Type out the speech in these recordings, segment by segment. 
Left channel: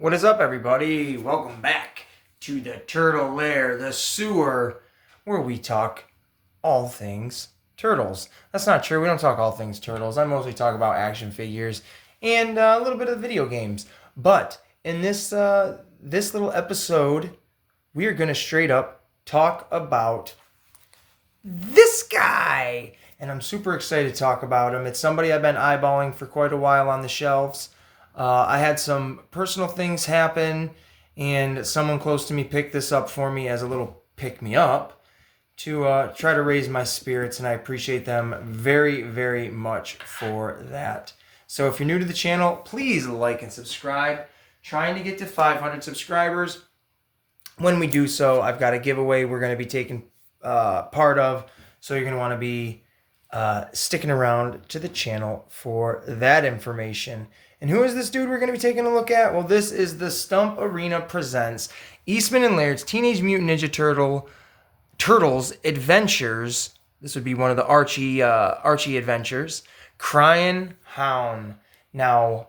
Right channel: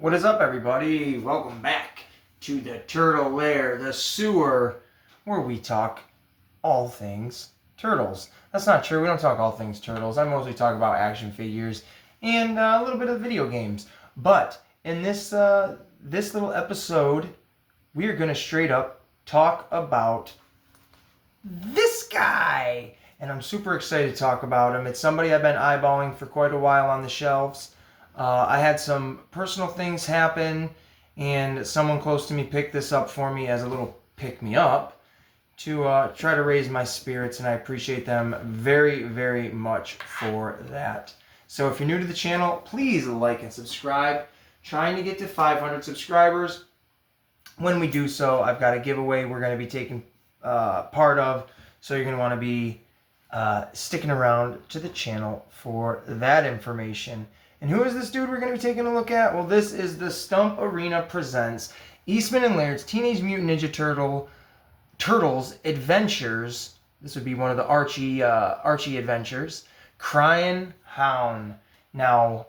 What is up, everybody? Welcome back to the Turtle Lair, the sewer, where we talk all things turtles. That's not true. We don't talk all things turtles. I mostly talk about action figures and a little bit of video games. But in this little episode, we are going to straight up talk about this guy. And I'm super excited to talk about him. It's somebody I've been eyeballing for quite a while on the shelves. I had some personal things happen, and someone close to me picked this up for me as a little pick-me-up to try to raise my spirits, and I appreciate them very, very much for that. So if you're new to the channel, please like and subscribe. Trying to get to 500 subscribers. When we do so, I've got a giveaway we're going to be taking part of, so you're going to want to be sticking around to the channel for that information. And who is this dude we're going to be taking a look at? Well, this is the Stump Arena presents Eastman and Laird's Teenage Mutant Ninja Turtles Adventures. This would be one of the Archie adventures. CRYIN HOUN. Now,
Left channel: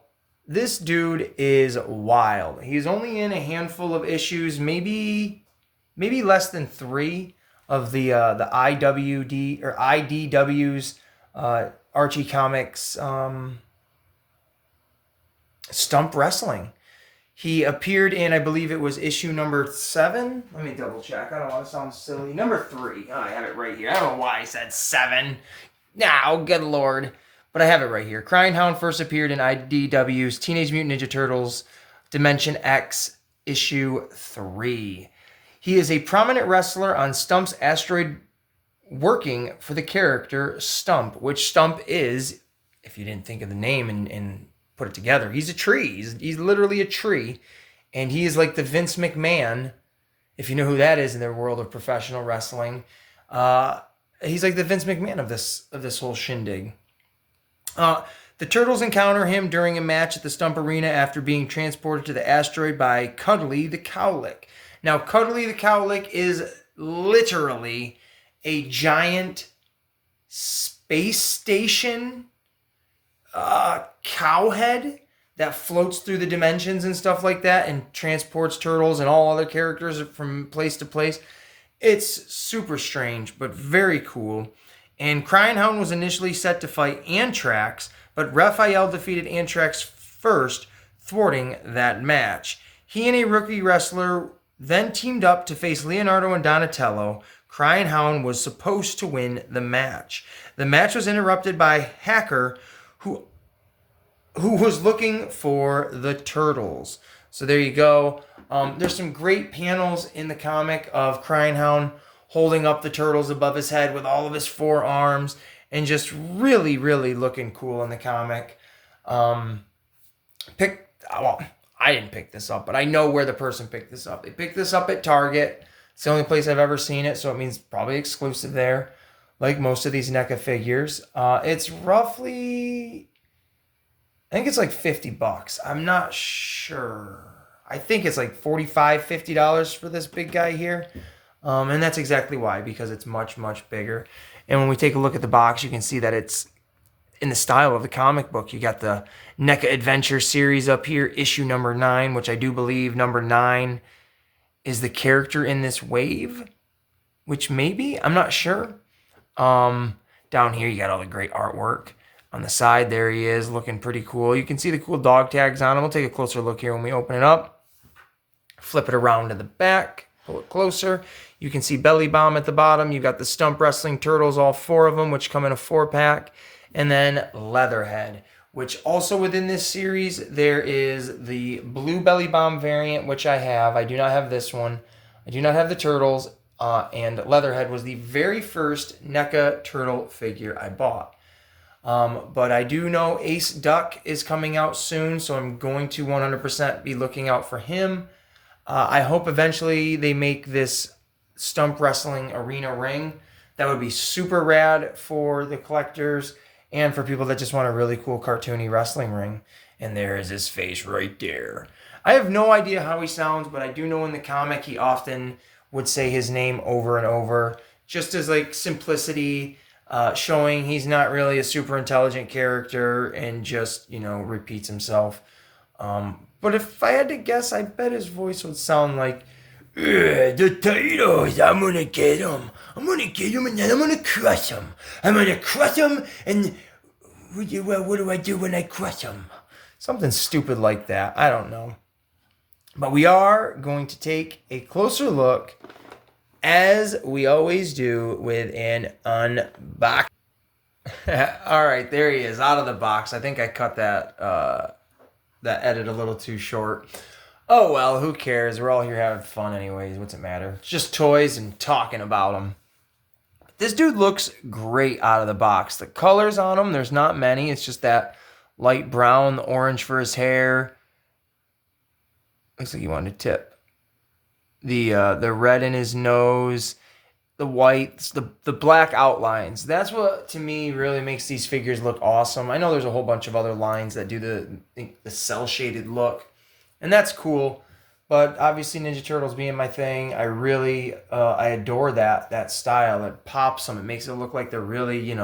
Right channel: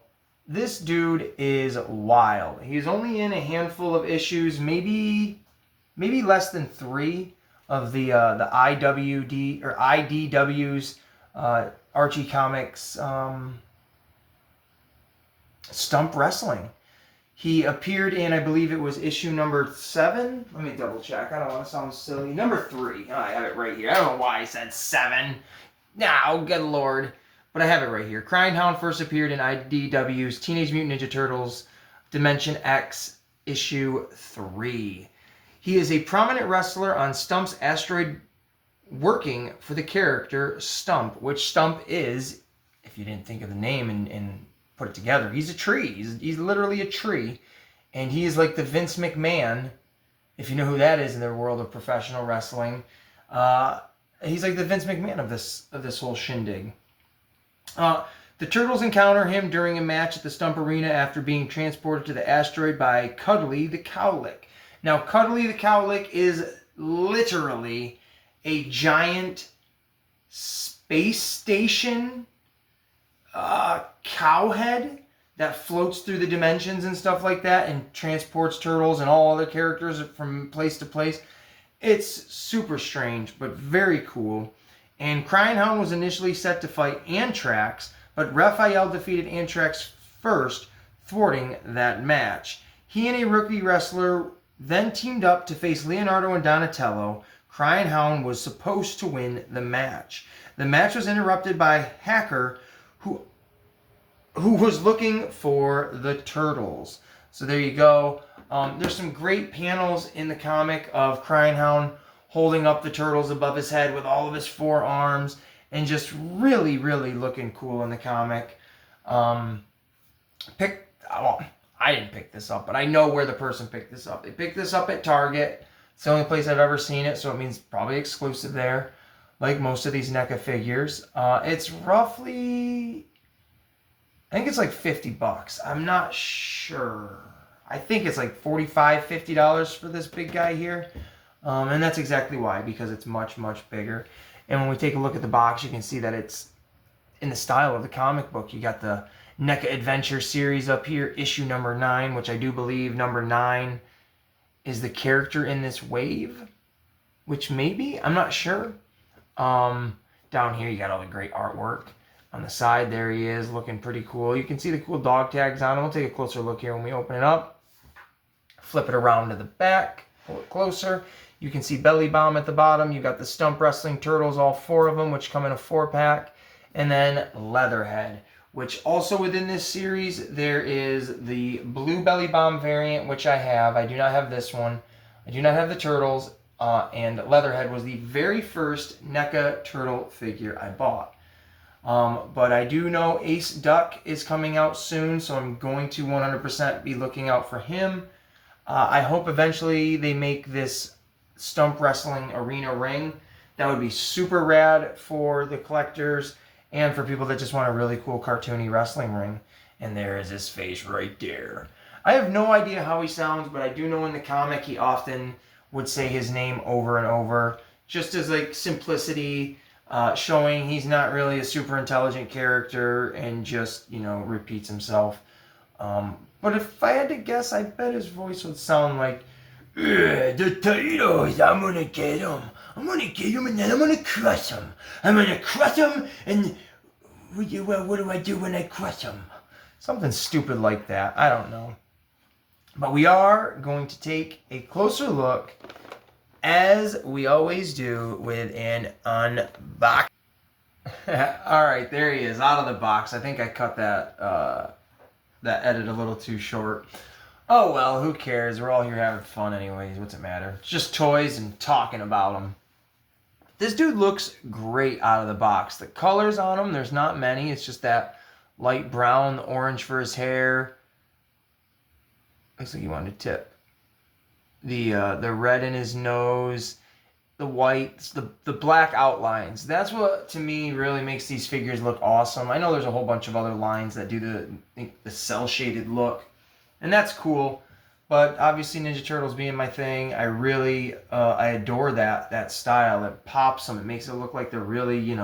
this dude is wild. He's only in a handful of issues, maybe less than 3 of the IWD or IDW's Archie Comics Stump Wrestling. He appeared in, I believe it was issue number 7. Let me double check. I don't want to sound silly. Number 3. Oh, I have it right here. I don't know why I said 7. Oh, good lord. But I have it right here. CRYIN HOUN first appeared in IDW's Teenage Mutant Ninja Turtles Dimension X issue 3. He is a prominent wrestler on Stump's asteroid, working for the character Stump, which Stump is, if you didn't think of the name and put it together, he's a tree. He's literally a tree, and he is like the Vince McMahon, if you know who that is in the world of professional wrestling. He's like the Vince McMahon of this whole shindig. The Turtles encounter him during a match at the Stump Arena after being transported to the asteroid by Cuddly the Cowlick. Now, Cuddly the Cowlick is literally a giant space station cowhead that floats through the dimensions and stuff like that and transports turtles and all other characters from place to place. It's super strange, but very cool. And CRYIN HOUN was initially set to fight Anthrax, but Raphael defeated Anthrax first, thwarting that match. He and a rookie wrestler then teamed up to face Leonardo and Donatello. CRYIN HOUN was supposed to win the match. The match was interrupted by Hacker, who was looking for the turtles. So there you go. There's some great panels in the comic of CRYIN HOUN holding up the turtles above his head with all of his 4 arms, and just really, really looking cool in the comic. I didn't pick this up, but I know where the person picked this up. They picked this up at Target. It's the only place I've ever seen it, so it means probably exclusive there, like most of these NECA figures. It's roughly, I think it's like $50. I'm not sure. I think it's like $45, $50 for this big guy here. And that's exactly why, because it's much, much bigger. And when we take a look at the box, you can see that it's in the style of the comic book. You got the NECA Adventure series up here, issue number 9, which I do believe number 9 is the character in this wave, which maybe, I'm not sure. Down here, you got all the great artwork. On the side, there he is, looking pretty cool. You can see the cool dog tags on him. We'll take a closer look here when we open it up. Flip it around to the back, pull it closer. You can see Belly Bomb at the bottom. You got the Stump Wrestling Turtles, all 4 of them, which come in a 4-pack. And then Leatherhead, which also within this series, there is the blue Belly Bomb variant, which I have. I do not have this one. I do not have the Turtles. And Leatherhead was the very first NECA Turtle figure I bought. But I do know Ace Duck is coming out soon, so I'm going to 100% be looking out for him. I hope eventually they make this Stump Wrestling Arena ring. That would be super rad for the collectors and for people that just want a really cool cartoony wrestling ring. And there is his face right there. I have no idea how he sounds, but I do know in the comic he often would say his name over and over, just as like simplicity, showing he's not really a super intelligent character and just, repeats himself. But if I had to guess, I bet his voice would sound like, the Titans, I'm gonna get them. I'm gonna get them and then I'm gonna crush them. I'm gonna crush them and what do I do when I crush them? Something stupid like that. I don't know. But we are going to take a closer look, as we always do, with an unbox. All right, there he is, out of the box. I think I cut that edit a little too short. Oh well, who cares? We're all here having fun anyways. What's it matter? It's just toys and talking about them. This dude looks great out of the box. The colors on him, there's not many. It's just that light brown, the orange for his hair. Looks like he wanted to tip. The red in his nose, the whites, the black outlines. That's what, to me, really makes these figures look awesome. I know there's a whole bunch of other lines that do the cel-shaded look, and that's cool. But obviously Ninja Turtles being my thing, I really, I adore that style. It pops them. It makes it look like they're really,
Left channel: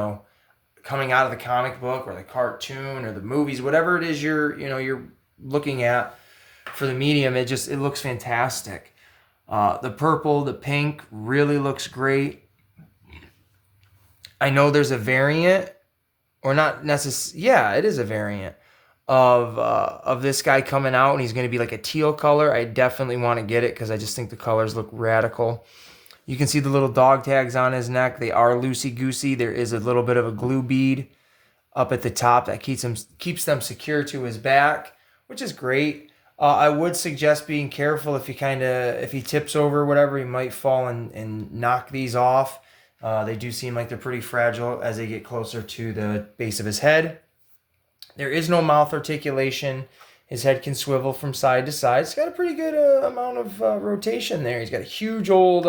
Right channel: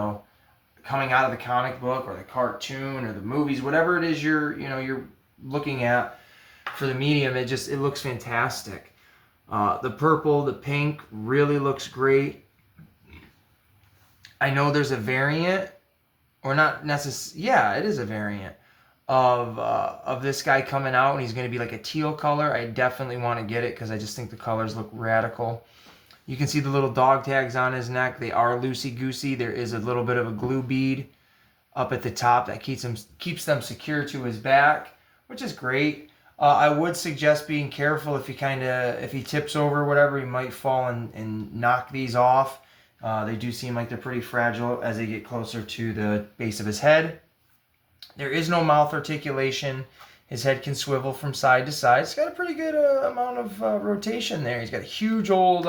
coming out of the comic book or the cartoon or the movies, whatever it is you're looking at for the medium. It looks fantastic. The purple, the pink really looks great. I know there's a variant, or not necessarily. Yeah, it is a variant of this guy coming out, and he's going to be like a teal color. I definitely want to get it because I just think the colors look radical. You can see the little dog tags on his neck. They are loosey-goosey. There is a little bit of a glue bead up at the top that keeps them secure to his back, which is great. I would suggest being careful if he tips over or whatever, he might fall and knock these off. They do seem like they're pretty fragile as they get closer to the base of his head. There is no mouth articulation. His head can swivel from side to side. It's got a pretty good amount of rotation there. He's got a huge old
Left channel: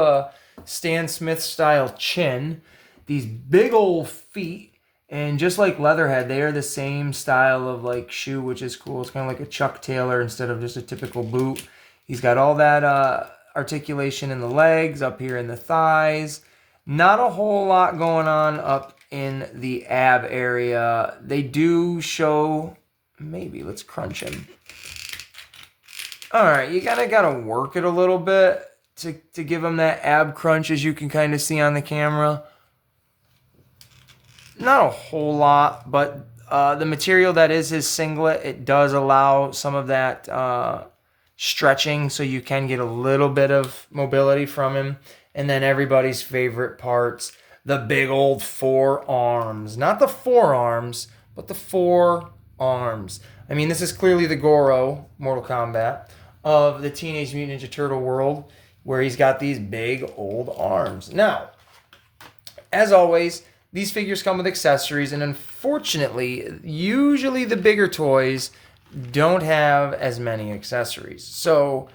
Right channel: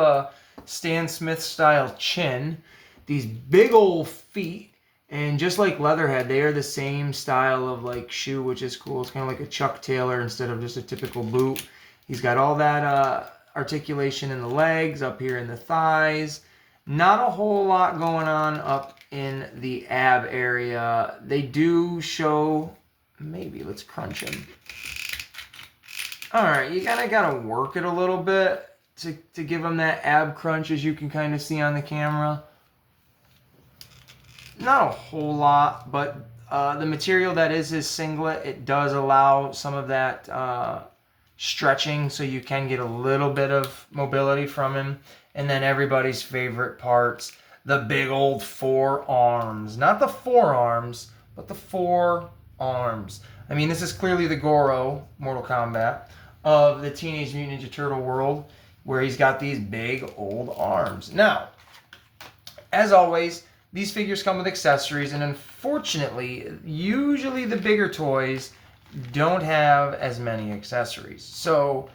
Stan Smith style chin, these big old feet, and just like Leatherhead, they are the same style of like shoe, which is cool. It's kind of like a Chuck Taylor instead of just a typical boot. He's got all that articulation in the legs, up here in the thighs. Not a whole lot going on up in the ab area. They do show, maybe let's crunch him. All right, you gotta work it a little bit to give him that ab crunch, as you can kind of see on the camera. Not a whole lot, but the material that is his singlet, it does allow some of that stretching, so you can get a little bit of mobility from him. And then everybody's favorite parts, the big old forearms. Not the forearms, but the forearms. I mean, this is clearly the Goro, Mortal Kombat, of the Teenage Mutant Ninja Turtle world, where he's got these big old arms. Now, as always, these figures come with accessories, and unfortunately, usually the bigger toys don't have as many accessories. So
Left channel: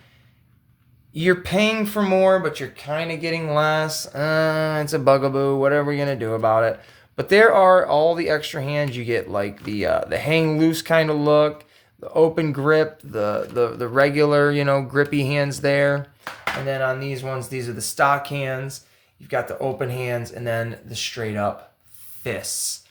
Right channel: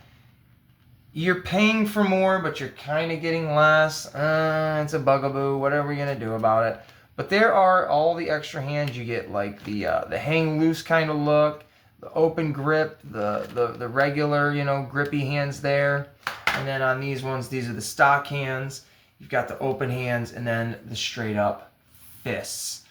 you're paying for more, but you're kind of getting less. It's a bugaboo. What are we going to do about it? But there are all the extra hands you get, like the hang loose kind of look, the open grip, the regular, grippy hands there. And then on these ones, these are the stock hands. You've got the open hands and then the straight up fists.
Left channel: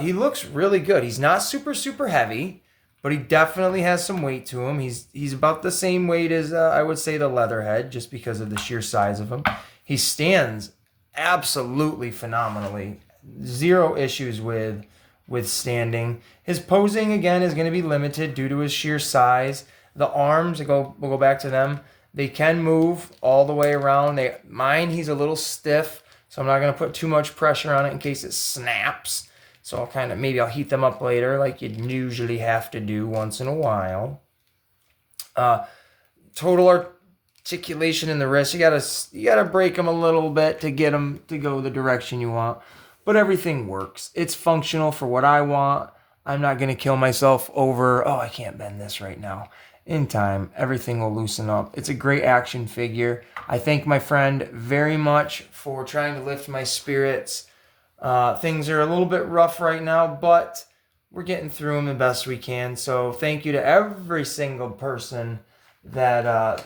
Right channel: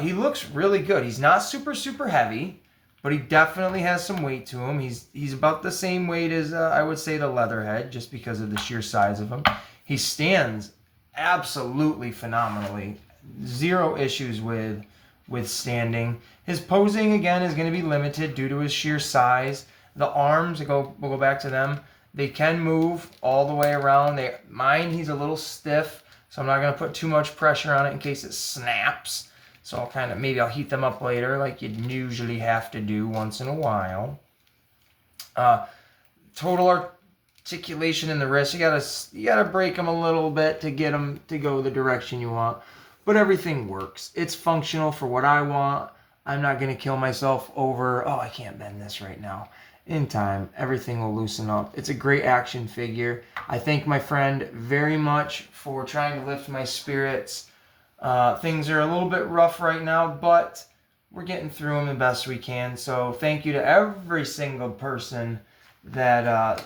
He looks really good. He's not super, super heavy, but he definitely has some weight to him. He's about the same weight as, I would say, the Leatherhead, just because of the sheer size of him. He stands absolutely phenomenally. Zero issues with standing. His posing, again, is going to be limited due to his sheer size. The arms, we'll go back to them. They can move all the way around. Mine, he's a little stiff, so I'm not going to put too much pressure on it in case it snaps. So maybe I'll heat them up later, like you'd usually have to do once in a while. Total articulation in the wrist. You gotta break them a little bit to get them to go the direction you want. But everything works. It's functional for what I want. I'm not going to kill myself over, I can't bend this right now. In time, everything will loosen up. It's a great action figure. I thank my friend very much for trying to lift my spirits. Things are a little bit rough right now, but we're getting through them the best we can. So thank you to every single person that's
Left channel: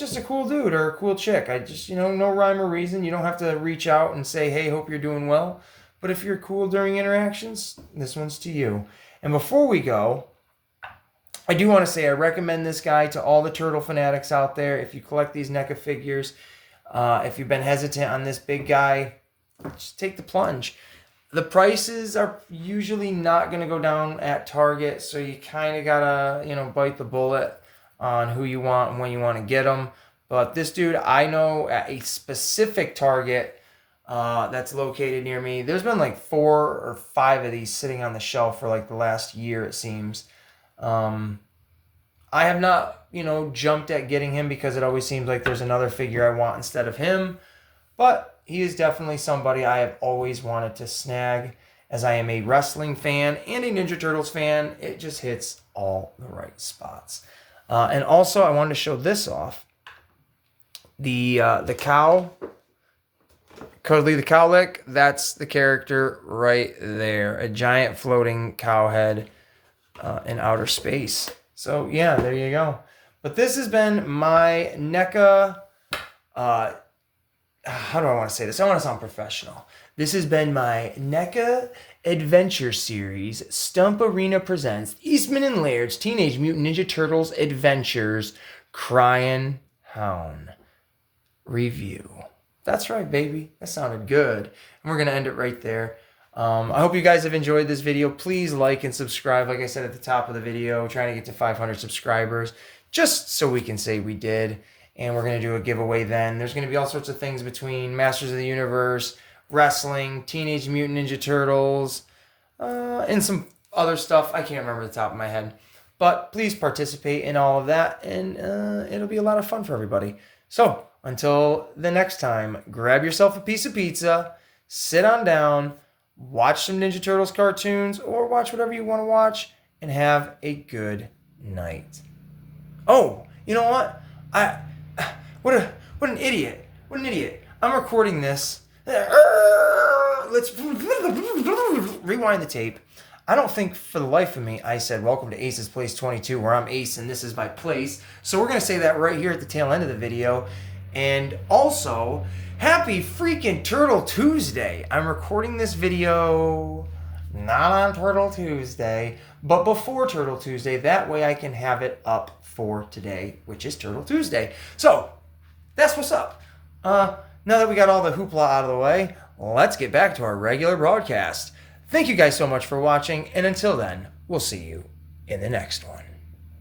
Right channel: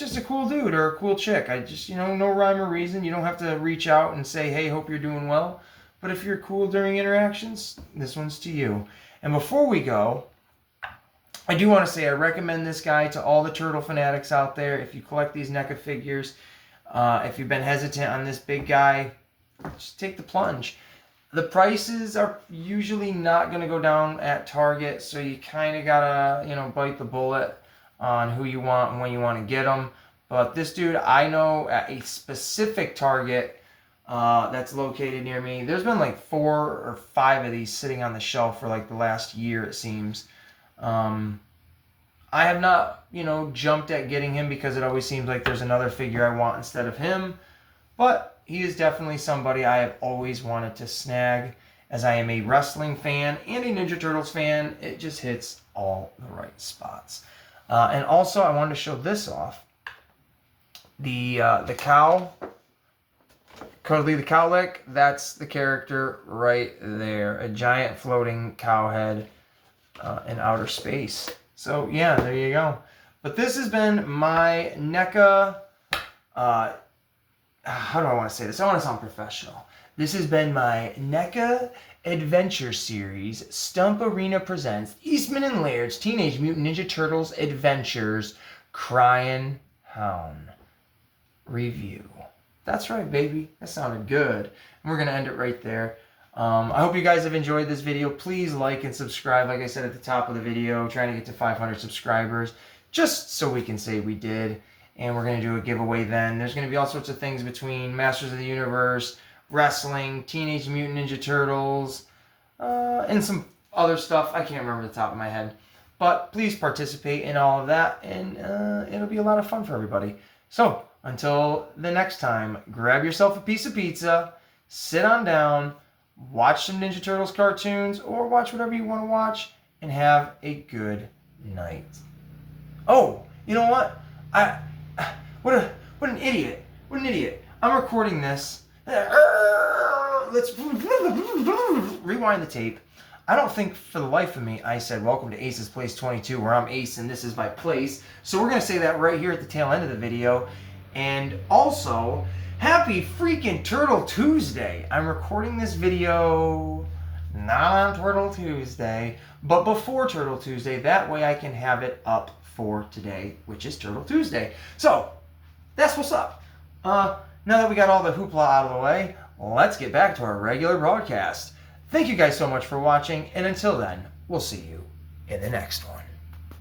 just a cool dude or a cool chick. I just, no rhyme or reason. You don't have to reach out and say, hey, hope you're doing well. But if you're cool during interactions, this one's to you. And before we go, I do want to say I recommend this guy to all the turtle fanatics out there. If you collect these NECA figures, if you've been hesitant on this big guy, just take the plunge. The prices are usually not going to go down at Target, so you kind of gotta, bite the bullet on who you want and when you want to get them. But this dude, I know at a specific Target that's located near me, there's been like 4 or 5 of these sitting on the shelf for like the last year, it seems. I have not, jumped at getting him because it always seems like there's another figure I want instead of him. But he is definitely somebody I have always wanted to snag, as I am a wrestling fan and a Ninja Turtles fan. It just hits all the right spots. And also, I wanted to show this off. The cow, Cuddly the Cowlick, that's the character right there. A giant floating cow head in outer space. So, yeah, there you go. But this has been my NECA... how do I want to say this? I want to sound professional. This has been my NECA Adventure Series. Stump Arena presents Eastman and Laird's Teenage Mutant Ninja Turtles Adventures CRYIN HOUN review. That's right, baby. That sounded good. And we're going to end it right there. I hope you guys have enjoyed this video. Please like and subscribe. Like I said at the top of the video, trying to get to 500 subscribers, just so we can say we did. And we're going to do a giveaway then. There's going to be all sorts of things between Masters of the Universe, wrestling, Teenage Mutant Ninja Turtles, and some other stuff. I can't remember the top of my head. But please participate in all of that, and it'll be a lot of fun for everybody. So, until the next time, grab yourself a piece of pizza, sit on down, watch some Ninja Turtles cartoons, or watch whatever you want to watch, and have a good night. Oh, you know what? What an idiot. What an idiot. I'm recording this. Let's rewind the tape. I don't think for the life of me I said, welcome to Ace's Place 22, where I'm Ace and this is my place. So we're going to say that right here at the tail end of the video. And also, happy freaking Turtle Tuesday. I'm recording this video not on Turtle Tuesday, but before Turtle Tuesday. That way I can have it up for today, which is Turtle Tuesday. So, that's what's up. Now that we got all the hoopla out of the way, let's get back to our regular broadcast. Thank you guys so much for watching, and until then, we'll see you in the next one.